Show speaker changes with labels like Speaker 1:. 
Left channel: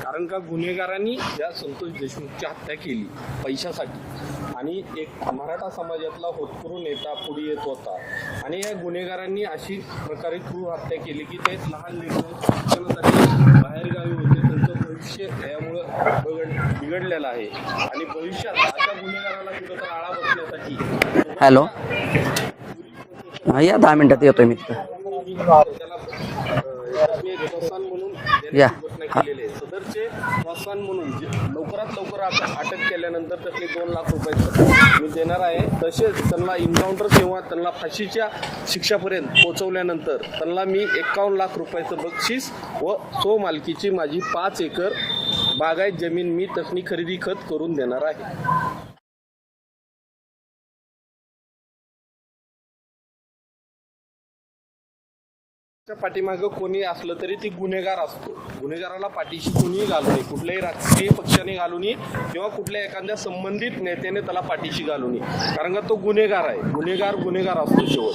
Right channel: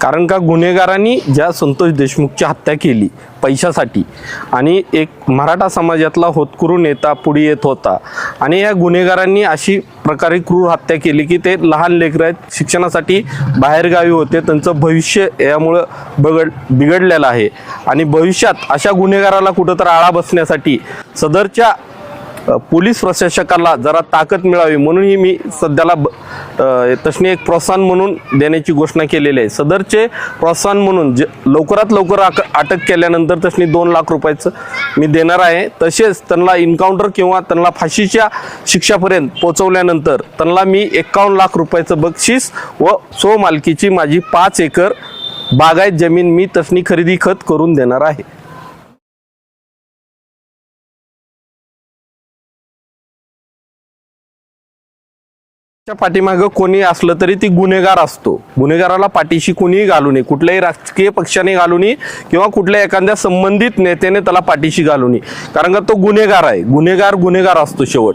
Speaker 1: कारण का गुन्हेगारांनी ज्या संतोष देशमुखची हत्या केली पैशासाठी आणि एक मराठा समाजातला होतकरू नेता पुढे येत होता आणि या गुन्हेगारांनी अशी प्रकारे क्रूर हत्या केली की ते लहान लेकरं आहेत शिक्षणासाठी बाहेरगावी होते त्यांचं भविष्य यामुळं बगड बिघडलेलं आहे आणि भविष्यात अशा गुन्हेगाराला कुठं तर आळा बसण्यासाठी सदरच्या पोलीस प्रशासकाला जरा ताकद. मिळावी म्हणूनही मी सध्याला तसनी एक प्रोत्साहन म्हणून देण्याची. घोषणा केलेली आहे. सदरचे प्रोत्साहन म्हणून जे लवकरात लवकर अटक केल्यानंतर तसनी दोन लाख रुपयाचं मी देणार आहे. तसेच त्यांना इन्काउंटर किंवा त्यांना फाशीच्या शिक्षापर्यंत पोहोचवल्यानंतर त्यांना मी एकावन्न लाख रुपयाचं बक्षीस व सो मालकीची माझी पाच एकर बागायत जमीन मी तसनी खरेदी खत करून देणार आहे. पाठीमागं कोणी असलं तरी ती गुन्हेगार असतो. गुन्हेगाराला पाठीशी कोणीही घालू नये. कुठल्याही राजकीय पक्षाने घालू नये किंवा कुठल्या एखाद्या संबंधित नेत्याने त्याला पाठीशी घालू नये. कारण का तो गुन्हेगार आहे. गुन्हेगार गुन्हेगार असतो शेवट.